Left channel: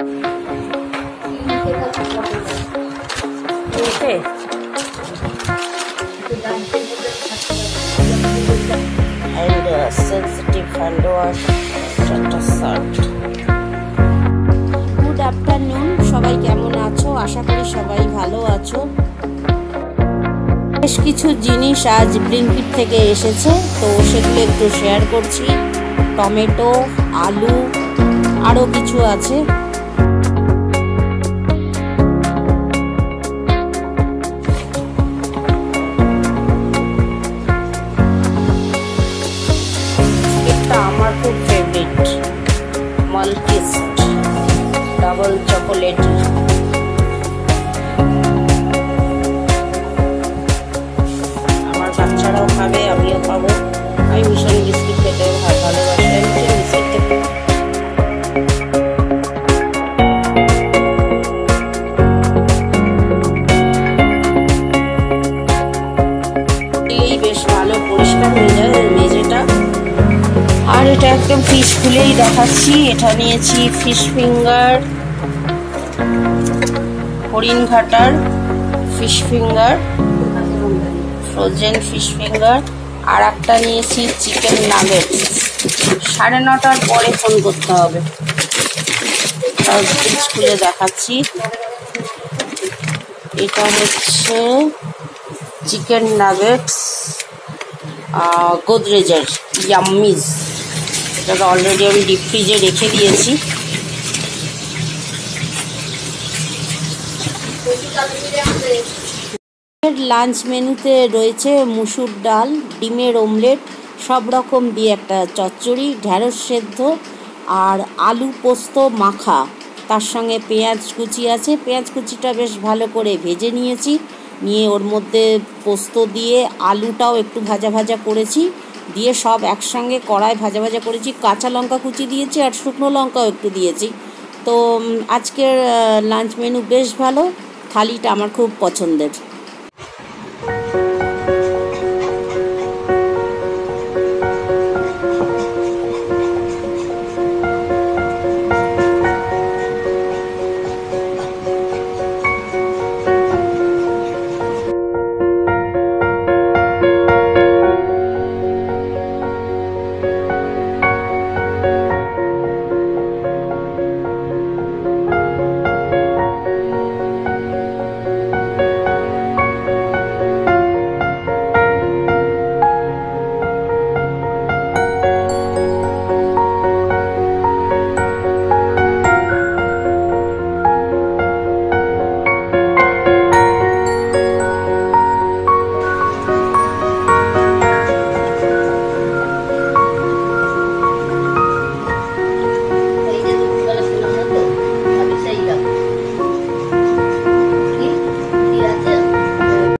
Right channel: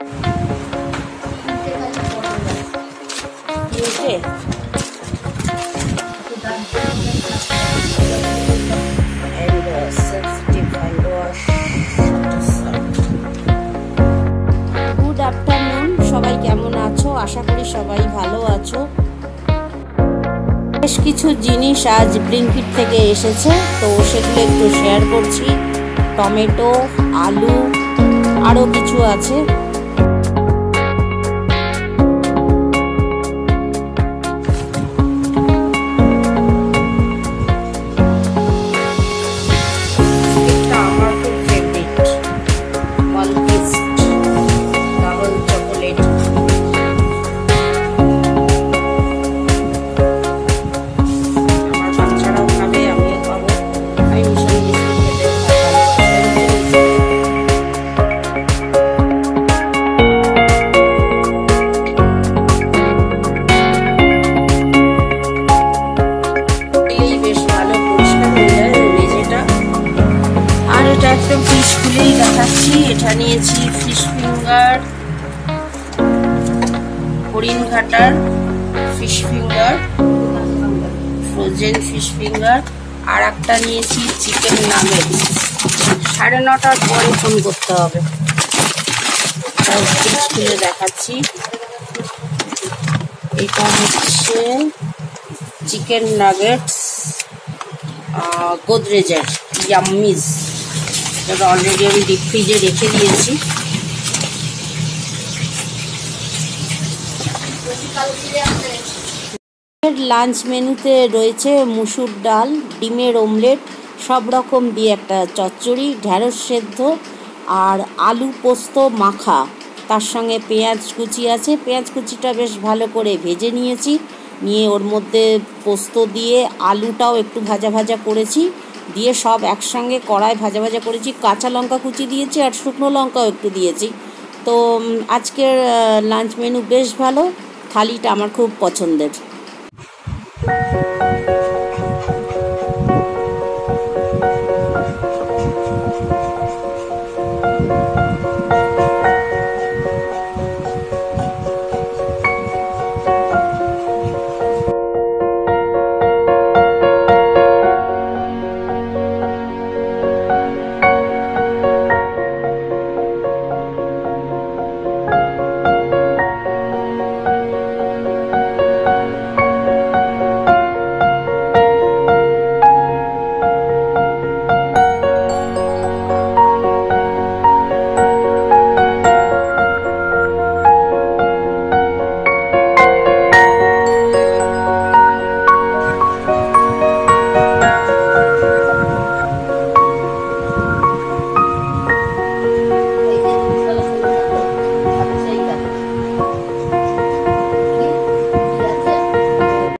And sensitive hand wash shirt. Good afternoon, সবাই কেমন আছো? আশা করি সবাই ভালো আছো। বেশ কিছু জিনিস আজ ব্লিঙ্কিট থেকে এসেছে, তো সেগুলো একটু শেয়ার করছি। টমেটো, আলু, আরও কিছু আছে। আমার খুব ফেভারিট মাল্টিস্ট ডাবল চকোলেট। আমার বাচ্চারাও খাবে, আমিও খাবো। আমি ভীষণ বিস্কুট খেতে ভালোবাসি। বেশ ভালো পরিষ্কার হয়ে যায় মেঝেটা। আর এটা একদম ফিশ খুলেই দেখাচ্ছি। এটা নিয়েছি ফিশ ফিঙ্গার, হরিণঘাটার fish finger, frozen fish finger. আর একটা নিয়েছি চিকেন নাগেটস। 9:30টার পরে ফোন করতে হবে। ফিশ খুলে দেখাচ্ছি। এটা হচ্ছে চিকেন নাগেটস গোদরেজের ইয়াম্মিজ। এটা অলরেডি আমি ডিপ ফ্রিজে রেখে দিয়েছি। লাঞ্চ মেনুতে রয়েছে মুসুর ডাল, ডিমের অমলেট, সব রকম দিয়ে একটা চচ্চড়ি, ঢ্যাঁড়স সেদ্ধ আর আলু পোস্ত মাখা। তার সঙ্গে পেঁয়াজ কুচি আছে। পেঁয়াজ কুচিটা বেশ ভালো করে ভেজে নিয়েছি। নিয়ে ওর মধ্যে পোস্ত দিয়ে আলুটাও একটু ভাজা ভাজা করেছি, দিয়ে সব একসঙ্গে কড়াই ভাজা ভাজা করেছি। কাঁচা লঙ্কা কুচি দিয়েছি আর শুকনো লঙ্কাও একটু দিয়েছি। তো আজকের লাঞ্চ মেনু বেশ ভালো। থালিটা আমার খুব পছন্দের।